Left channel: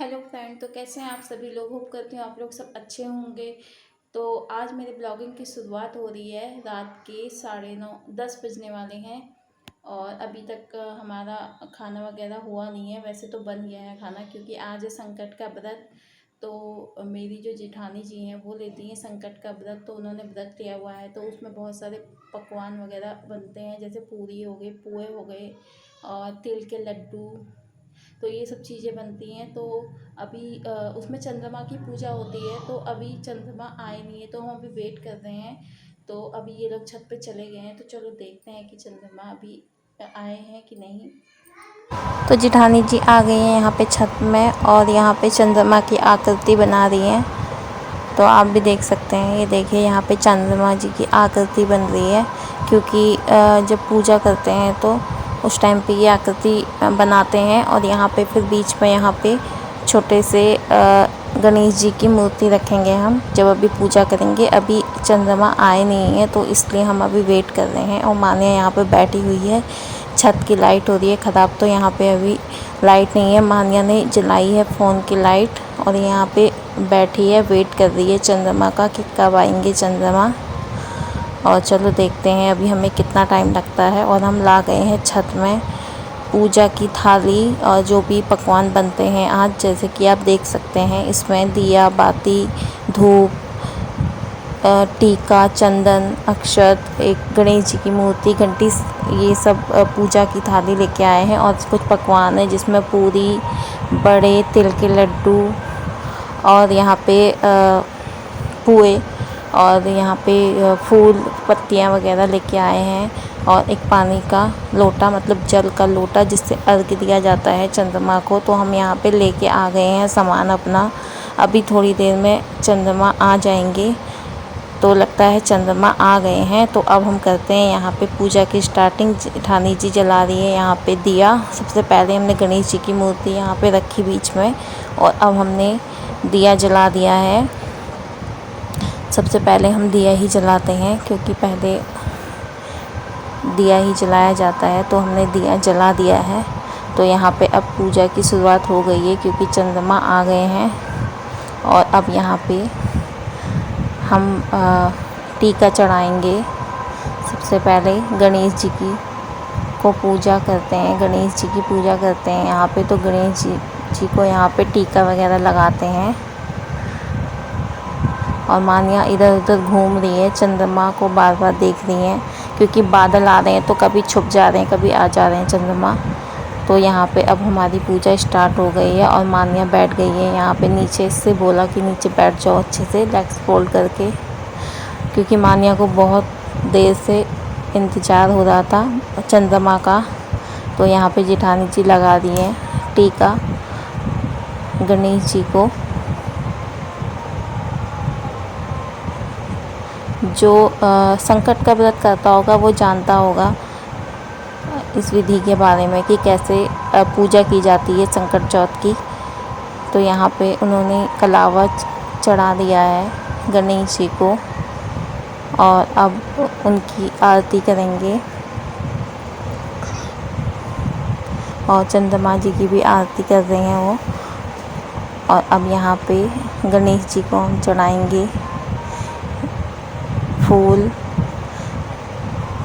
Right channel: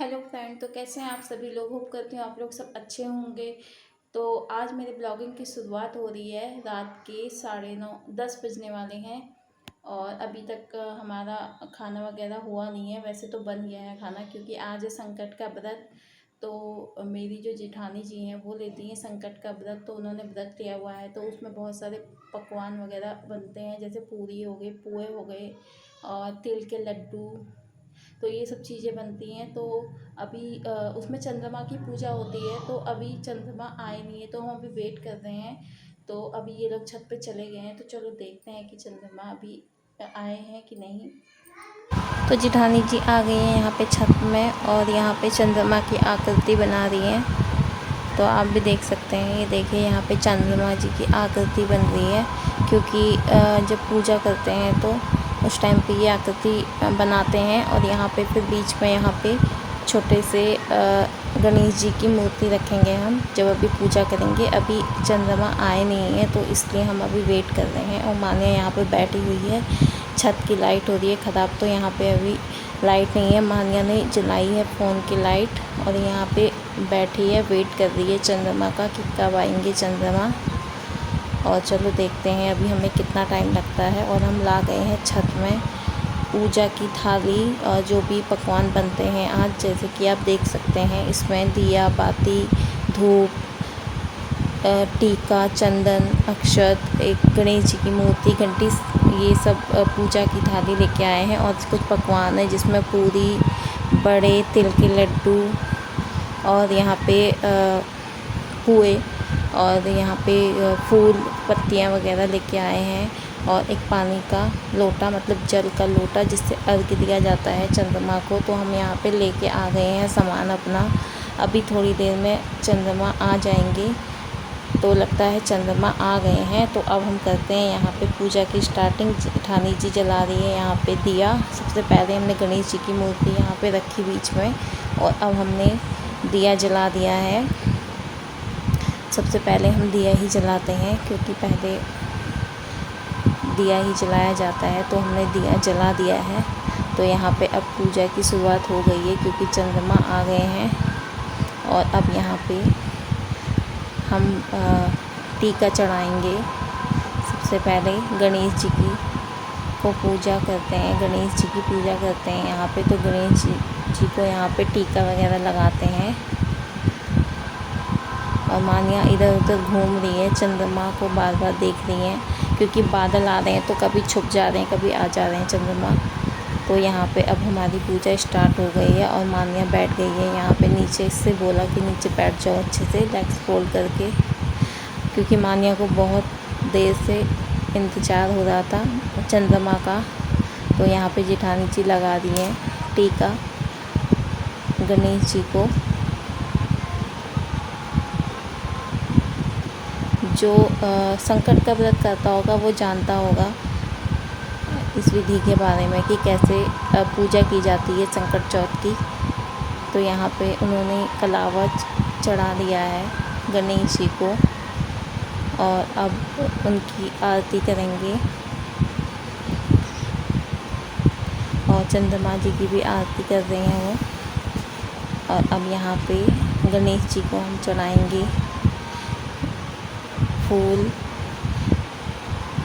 Hello friend, तो कैसे हैं आप सभी लोग। होप करती हूँ आप लोग सब अच्छे होंगे। तो आज मेरे ब्लॉगिंग की शुरुआत हो रही है। रात के 9:30 बजने वाले हैं और अभी तक हमारा खाना वगैरह हुआ नहीं है। वैसे तो बन गया है खाना, क्योंकि आज है संकट का व्रत। तो मेरी जो जेठानी जी हैं वो लेती हैं संकट का व्रत, तो उन्होंने व्रत लिया हुआ है। तो उसमें बहुत सारे पकवान वगैरह बनते हैं, जैसे पूरी हो गई, पुए हो गए और तिल के लड्डू। तो ये सब चीज़ें बनती हैं। तो अभी उसमें चंद्रमा की पूजा होती है, तो अभी चंद्रमा आए नहीं है, तो हम अभी वेट कर रहे हैं। तो अभी ये लोग छत पे चले गए हैं, तो चलो देखते हैं कि चंद्रमा अभी आए हैं कि नहीं। तो जेठानी जी आ गई हैं यहाँ पे छत में और यहाँ पे चंद्रमा की आकृति बना रही हैं। तो आप भी देख सकते हैं, ये देखिए यहाँ पे चंद्रमा जी की आकृति बन रही है, क्योंकि जब पूजा करते हैं तो उस टाइम पे ये आकृति बनाते हैं। और यहाँ पे फिर बीच में यहाँ पे छोटे से गणेश जी की मूर्ति रखेंगे हम जब अभी पूजा करेंगे। अभी चंद्रमा आए नहीं है, तो इसलिए हम अभी वेट कर रहे हैं। और माने यहाँ पे बैठी हुई है, छत की लाइट हो रही है ख़राब, तो यहाँ पे अभी लाइट नहीं है। मान्या ने जलाई है फ़ोन की लाइट और यहाँ पे बैठी है, वेट कर रही है चंद्रमा का कि कब आएंगे चंद्रमा। और चलो देखते हैं अभी हमें कितना टाइम लगता है। और हम ला गए हैं छत में पूजा की थाली और जो भी पकवान बनते हैं आज, जैसे कि आप देख सकते हैं इसमें दिया बाती, धूप, टीका, चंदन, अक्षत, एक गणेश जी की मूर्ति, घंटी, ये सब पूजा की थाली लेके आए हैं। और कुछ पकवान है जिसमें पूरी, बड़े तिल के लड्डू और यहाँ पे पुए और यहाँ पे फूल पत्तियाँ वगैरह लेके आए हैं। और एक पानी का लोटा, मतलब जल का लोटा जिससे अर्घ्य दिया जाता है चंद्रमा को। तो हम यहाँ पे लेके आ गए हैं सामान अपना। अभी थोड़ी देर में चंद्रमा आ जाएंगे, तो लगता है चंद्रमा आ गए हैं। तो अब हम करते हैं यहाँ पे पूजा की स्टार्टिंग। जेठानी जी जला रही है यहाँ पे दिया। सबसे पहले हमने गणेश जी की मूर्ति यहाँ पे रखी बीच में, और अब हमने दिया जला दिया है। सबसे पहले हम दिया ही जलाते हैं, क्योंकि पहले दिया ही जलाया जाता है। तो हमने दिया जला दिया है। तो यहाँ पे अब पूजा की शुरुआत हो गई है, क्योंकि चंद्रमा आ गए हैं। और अब यहाँ पे हम टीका चढ़ाएंगे। सबसे पहले गणेश जी की को पूजा करते हैं, गणेश जी की पूजा करते हैं यहाँ पे। तो गणेश जी को यहाँ पे टीका वगैरह लगाते हैं। और मान्या इधर उधर घूम रही है, चंद्रमा को बार बार देख रही हैं, क्योंकि बादल आ रहे हैं तो कभी छुप जा रहे हैं, कभी आ जा रहे हैं चंद्रमा। तो यहाँ पे अब हमारी पूजा स्टार्ट हो गई है और मान्या बैठ गई है यहाँ पे। नीचे से बोला कि नीचे बैठ जाओ अच्छे से लेग्स फोल्ड करके, क्योंकि मान्या को बहुत देर से इंतज़ार हो रहा था चंद्रमा का। तो यहाँ पे जेठानी जी लगा दी है टीका गणेश जी को। जो संकट का व्रत करता होगा वो जानता होगा इस विधि के बारे में कि कैसे पूजा की जाती है संकट चौथ की। तो यहाँ पे उन्होंने कलावा चढ़ा दिया है गणेश जी को, और अब उनकी आरती करेंगे। और चंद्रमा जी की भी आरती कर रहे हैं वो। और अब यहाँ पे गणेश जी को हम चढ़ाएंगे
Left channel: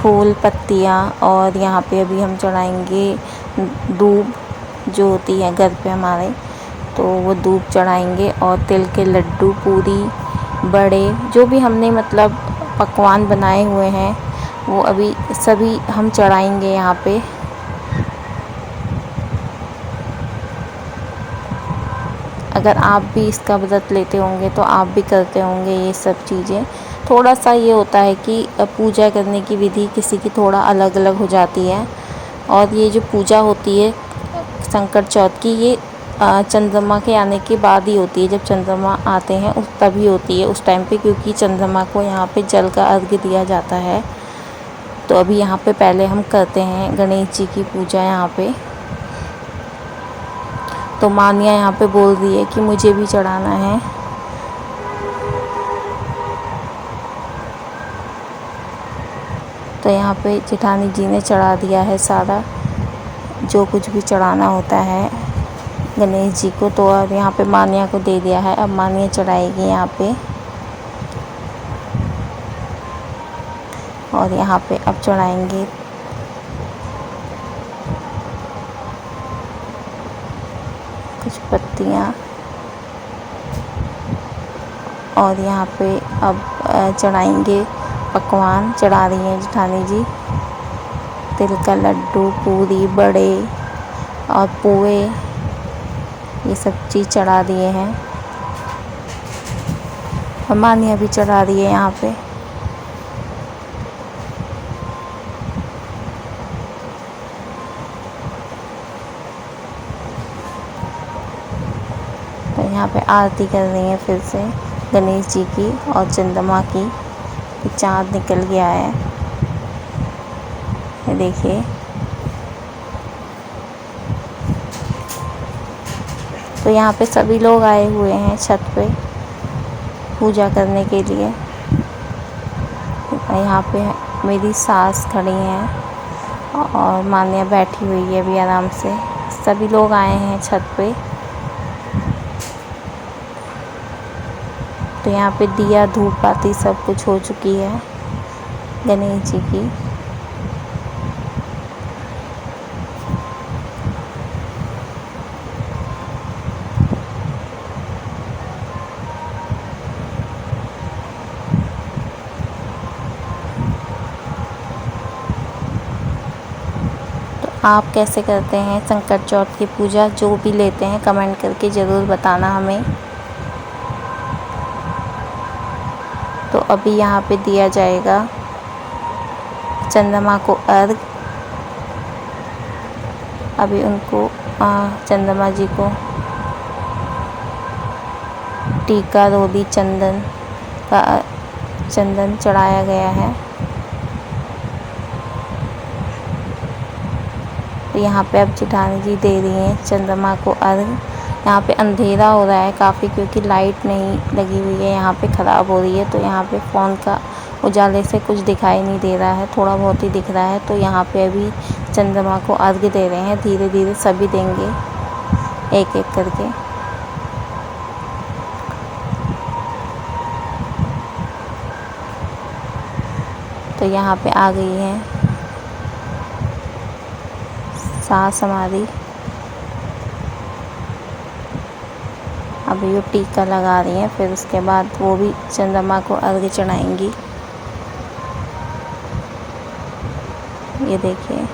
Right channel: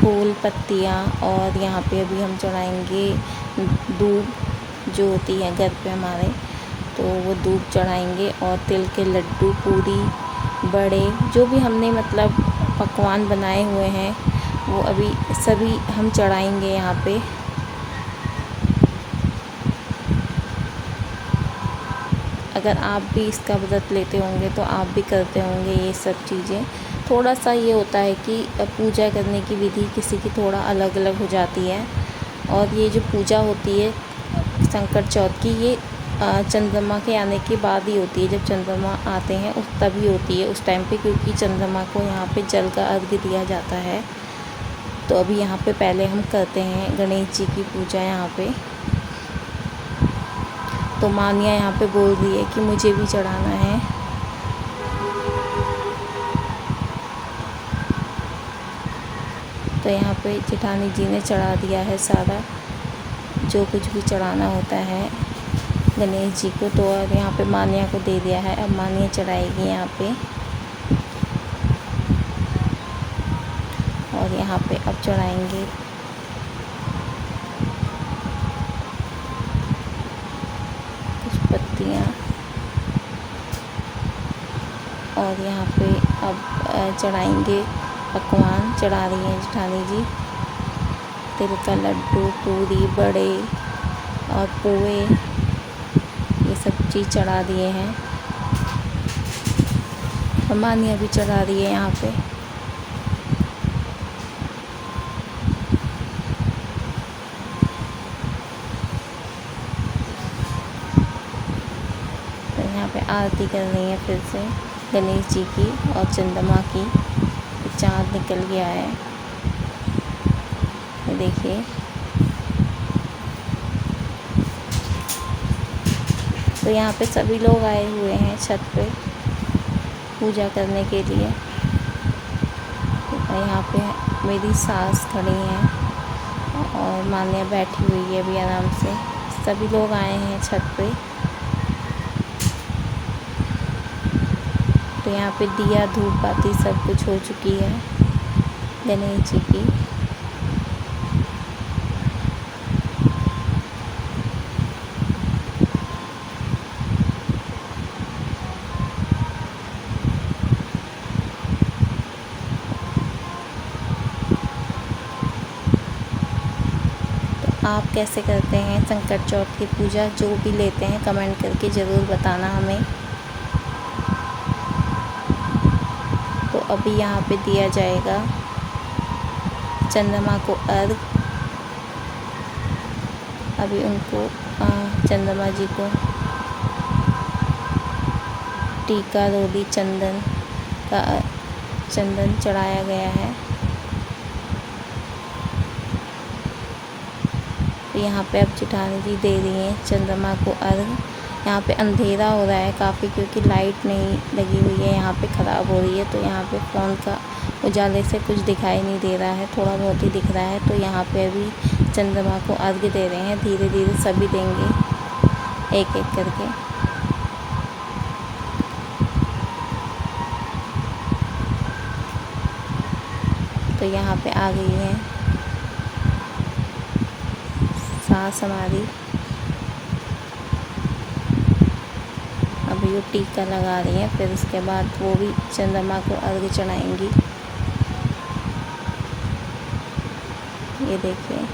फूल पत्तियाँ। और यहाँ पे अभी हम चढ़ाएंगे दूब, जो होती है घर पे हमारे, तो वो दूब चढ़ाएंगे। और तिल के लड्डू, पूरी, बड़े, जो भी हमने मतलब पकवान बनाए हुए हैं वो अभी सभी हम चढ़ाएंगे यहाँ पे। अगर आप भी इसका व्रत लेते होंगे तो आप भी करते होंगे ये सब चीज़ें। थोड़ा सा ये होता है कि पूजा करने की विधि किसी की थोड़ा अलग अलग हो जाती है। और ये जो पूजा होती है संकट चौथ की, ये चंद्रमा के आने के बाद ही होती है। जब चंद्रमा आते हैं उस तभी होती है उस टाइम पे, क्योंकि चंद्रमा को यहाँ पे जल का अर्घ्य दिया जाता है। तो अभी यहाँ पे पहले हम करते हैं गणेश जी की पूजा यहाँ पे। तो मान्या यहाँ पे बोल रही है कि मुझे भी चढ़ाना है। तो यहाँ पे जेठानी जी ने चढ़ा दिया है सारा जो कुछ भी चढ़ाना होता है। गणेश जी को। तो और यहाँ पे मान्या को दे दिया है, अब मान्या चढ़ाएगी यहाँ पे। और यहाँ पे अब चढ़ाएंगे कुछ पत्तियाँ। और यहाँ पे अब चढ़ाएंगे पकवान। चढ़ा रही हैं जेठानी जी तिल का लड्डू, पूरी, बड़े और पोहे, ये सब चीज़ चढ़ा दिए हैं। और मान्या भी चढ़ा रही है यहाँ पे। तो यहाँ पे आरती कर रही हैं फिर से गणेश जी की और चंद्रमा की। चाँद निकल गया है, देखिए। तो यहाँ पे सभी लोग आए हुए हैं छत पे पूजा करने के लिए। यहाँ पे मेरी सास खड़ी हैं और मान्या बैठी हुई है अभी आराम से। सभी लोग आए हैं छत पे। तो यहाँ पे दिया धूप बाती सब कुछ हो चुकी है गणेश जी की। आप कैसे करते हैं संकट चौथ की पूजा? जो भी लेते हैं कमेंट करके ज़रूर बताना हमें। तो अभी यहाँ पे दिया जाएगा चंद्रमा को अर्घ। अभी उनको चंद्रमा जी को टीका, रोली, चंदन चढ़ाया गया है। तो यहाँ पे अब जेठानी जी दे रही हैं चंद्रमा को अर्घ। यहाँ पे अंधेरा हो रहा है काफ़ी क्योंकि लाइट नहीं लगी हुई है, यहाँ पे ख़राब हो रही है। तो यहाँ पे फ़ोन का उजाले से कुछ दिखाई नहीं दे रहा है, थोड़ा बहुत ही दिख रहा है। तो यहाँ पे अभी चंद्रमा को अर्घ दे रहे हैं। धीरे धीरे सभी देंगे एक एक करके। तो यहाँ पे आ गई है सास हमारी। अभी वो टीका लगा रही हैं, फिर उसके बाद वो भी चंद्रमा को अर्घ चढ़ाएंगी। ये देखिए।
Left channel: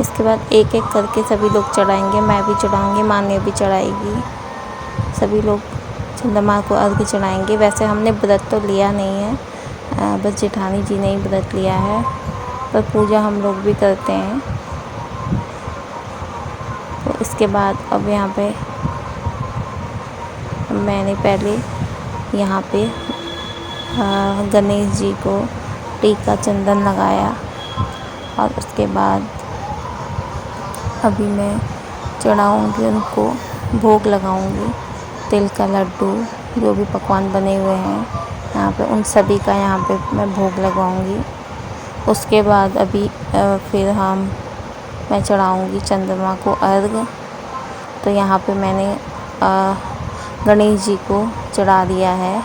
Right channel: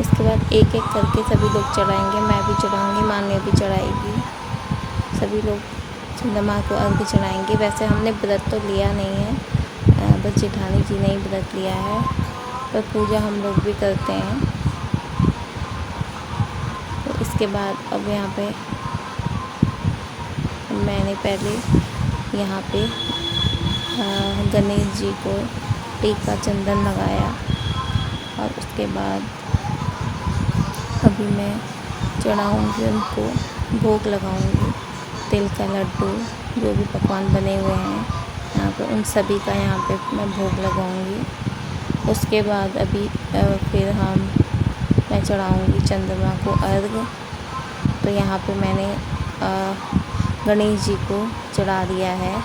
इसके बाद एक एक करके सभी लोग चढ़ाएंगे। मैं भी चढ़ाऊंगी, मान्या भी चढ़ाएगी। सभी लोग चंद्रमा को अर्घ चढ़ाएंगे। वैसे हमने व्रत तो लिया नहीं है, बस जेठानी जी ने ही व्रत लिया है, पर पूजा हम लोग भी करते हैं। तो इसके बाद अब यहाँ पे मैंने पहले यहाँ पे गणेश जी को टीका चंदन लगाया और उसके बाद अभी मैं चढ़ाऊँगी, उनको भोग लगाऊँगी। तिल का लड्डू, जो भी पकवान बने हुए हैं यहाँ पे, उन सभी का यहाँ पे मैं भोग लगाऊँगी। उसके बाद अभी फिर मैं चढ़ाऊँगी चंद्रमा को अर्घ। तो यहाँ पे मैंने गणेश जी को चढ़ा दिया है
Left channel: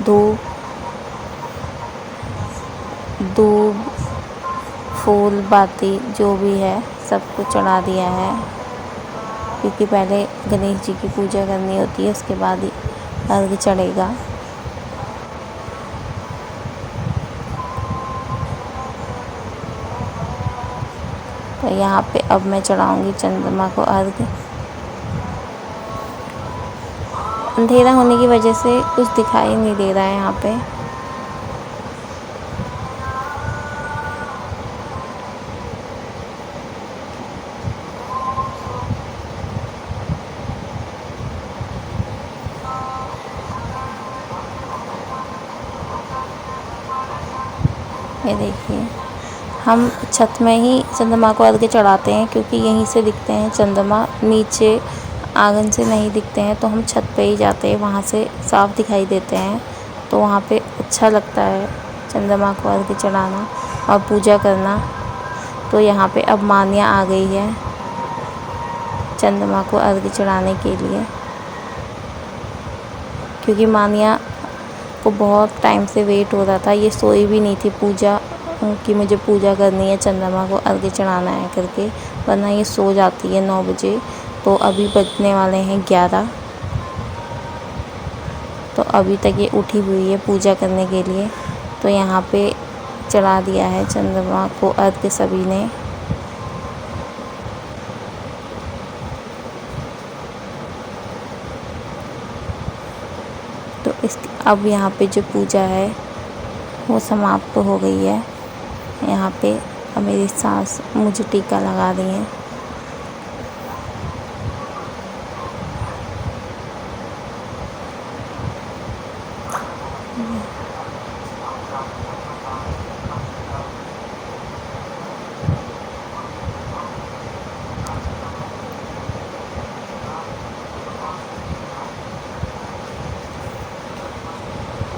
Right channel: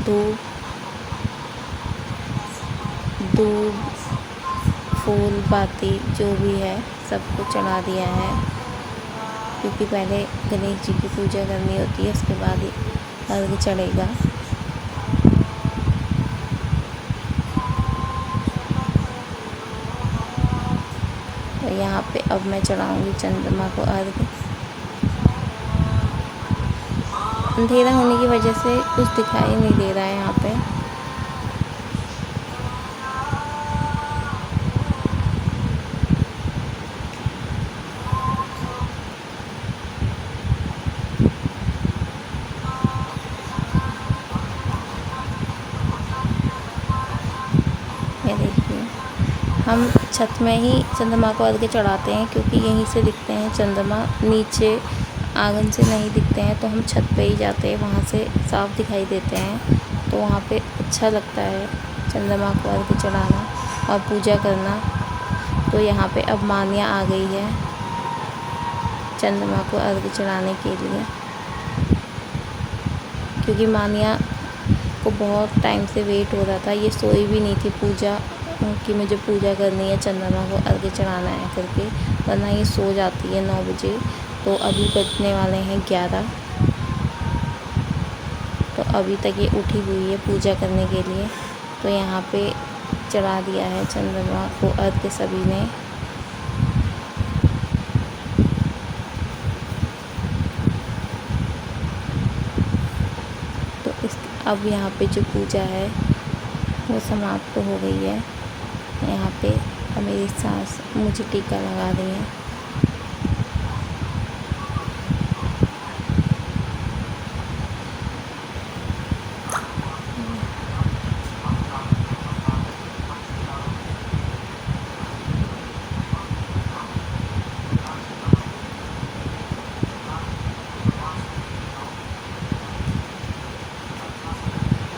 दूब, फूल, बाती, जो भी है सबको चढ़ा दिया है, क्योंकि पहले गणेश जी की पूजा करनी होती है, उसके बाद ही अर्घ चढ़ेगा। और यहाँ पे अब मैं चढ़ाऊँगी चंद्रमा को अर्घ। अंधेरा होने की वजह से कुछ दिखाई नहीं दे रहा है यहाँ पे। ये देखिए, हम छत में ही चंद्रमा को अर्घ्य चढ़ाते हैं क्योंकि यहीं से दिखते हैं चंद्रमा, नीचे आंगन से नहीं दिखते हैं, तो हम छत पे ही जाते हैं, वहाँ से साफ दिखाई देते हैं, तो वहाँ पे अच्छा लगता है चंद्रमा को अर्घ्य चढ़ाना और पूजा करना। तो यहाँ पे अब मान्या आ गई है चंद्रमा को अर्घ्य चढ़ाने के लिए, क्योंकि मान्या को बहुत टाइम से वेट हो रहा था। ये सोई भी नहीं थी पूजा कि मुझे पूजा करनी है, चंद्रमा को अर्घ्य चढ़ाना है करके, वरना ये सो जाती है 9 बजे। तो अभी बजने वाले हैं 11, तो अभी तक ये उठी हुई है पूजा करने के लिए। तो यहाँ पे चढ़ा दिया है चंद्रमा को अर्घ्य सभी ने। तो अब यहाँ पे जो पूजा है वो समाप्त हो गई है। यहाँ पे अब मेरी सास मुझे टीका लगा रही हैं।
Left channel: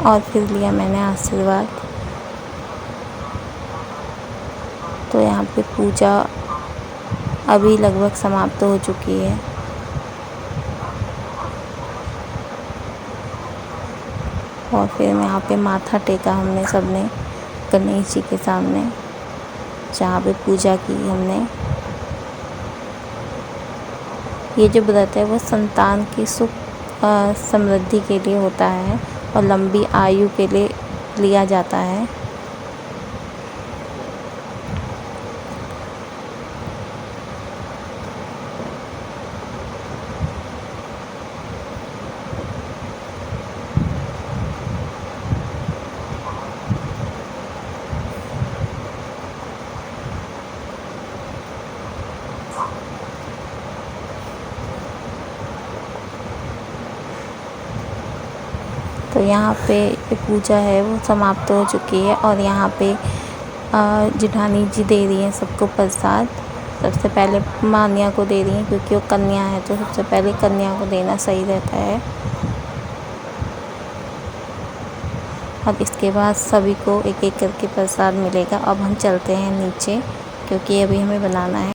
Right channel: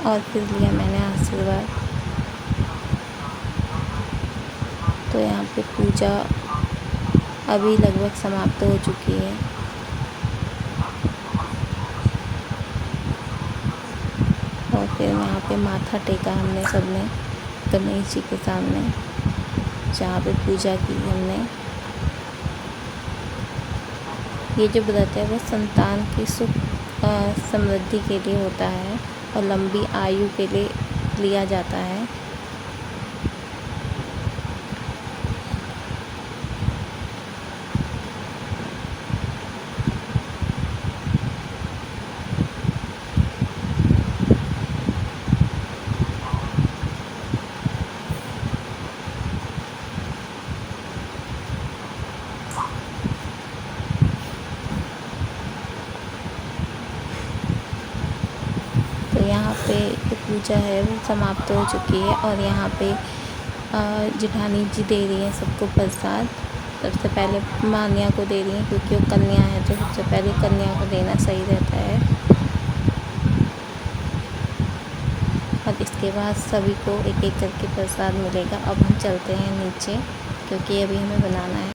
और फिर लिया मैंने आशीर्वाद। तो यहाँ पे पूजा अभी लगभग समाप्त हो चुकी है। और फिर यहाँ पे माथा टेका हमने सबने गणेश जी के सामने, जहाँ पे पूजा की हमने। ये जो व्रत है वो संतान की सुख समृद्धि के लिए होता है और लंबी आयु के लिए लिया जाता है। तो यहाँ पे ये पूजा है वो समाप्त हो चुकी है और यहाँ पे जेठानी जी दे रही हैं सबको प्रसाद। सबसे पहले मान्या को दे रही हैं क्योंकि वो कन्या है, तो सबसे पहले कन्या को देना सही रहता है। और इसके बाद सभी को एक एक करके प्रसाद मिलेगा। अब हम चलते हैं नीचे क्योंकि अभी हमें बनाना है।